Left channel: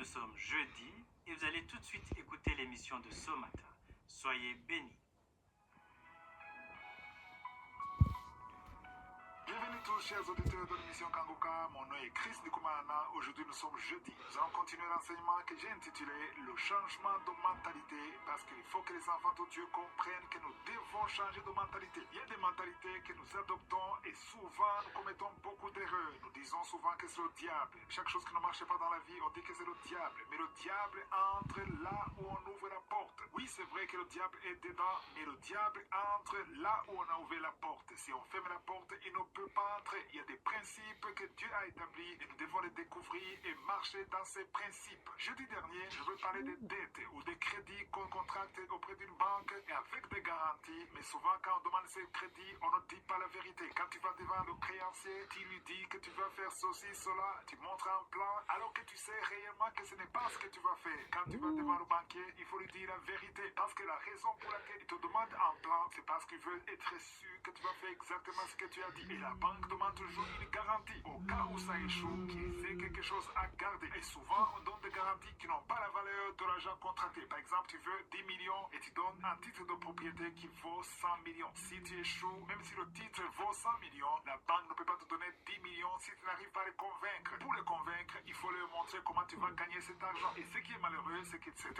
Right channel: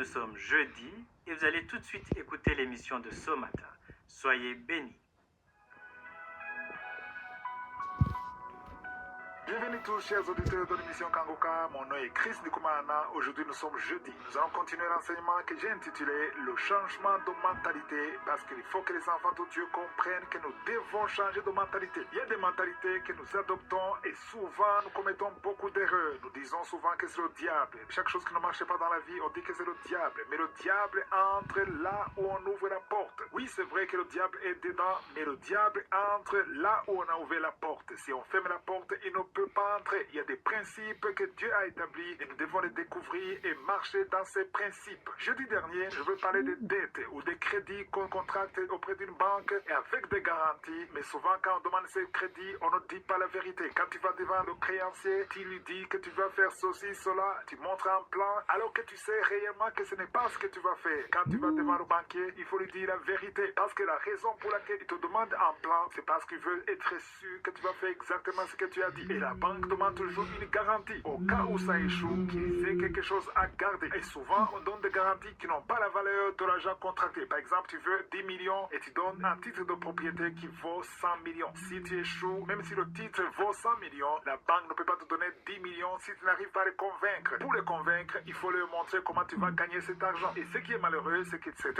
Nous sommes jeudi et vous allez tout de suite écouter l'émission de ce matin. Soyez bénis. Bienvenue tous chers auditeurs de l'émission Kangoka, mon nom est Chris Ndikumana. Aujourd'hui nous sommes jeudi. Nous allons continuer l'enseignement que j'ai intitulé Le changement de mentalité, parce qu'il faut que les enfants de Dieu comprennent que nous devons changer de mentalité. Il y a des mentalités que nous adoptons et souvent nous commettons beaucoup d'erreurs. Nous disons souvent que c'est le diable. Chaque chose qui ne marche pas dans la vie, on dit que c'est le diable. Mais le diable entre là où on ouvre la porte. Oui, c'est vrai que le diable est dedans, mais le diable entre là où on a ouvert la porte. Si on ferme la porte, il ne peut pas entrer. Il y a des principes que Dieu a établis et nous devons les découvrir et marcher dans ces principes. Jeudi dernier, je veux parler des dettes ou des crédits qu'on contracte auprès d'une banque et avec des garanties. Mais souvent, quand on demande ces crédits, on ne dit pas la vérité. Quand tu vas devant le créancier, tu lui dis que tu vas faire ceci, cela, tu montres un plan, alors que tu sais réellement que ce n'est pas ce que tu vas faire. Quand tu vas devant le banquier, il faut lui dire la vérité. Parce que la raison pour laquelle il te demande un plan, c'est parce qu'il veut être sûr que tu vas faire exactement ce que tu as dit. Et la banque demande toujours une garantie. Au cas où ça échoue, qu'il ait quelque chose à garder. Et souvent, on donne des garanties qui n'ont pas la valeur de l'argent contracté. Par exemple, tu veux 10 millions et tu donnes un titre de propriété qui vaut 100 millions. Si tu échoues, même si le titre vaut 100 millions, la banque ne peut pas te donner 10 millions si tu n'arrives pas à les convaincre. Pour les convaincre, il faut leur montrer comment tu vas gagner cet argent. Et ce qui est malheureux, c'est que c'est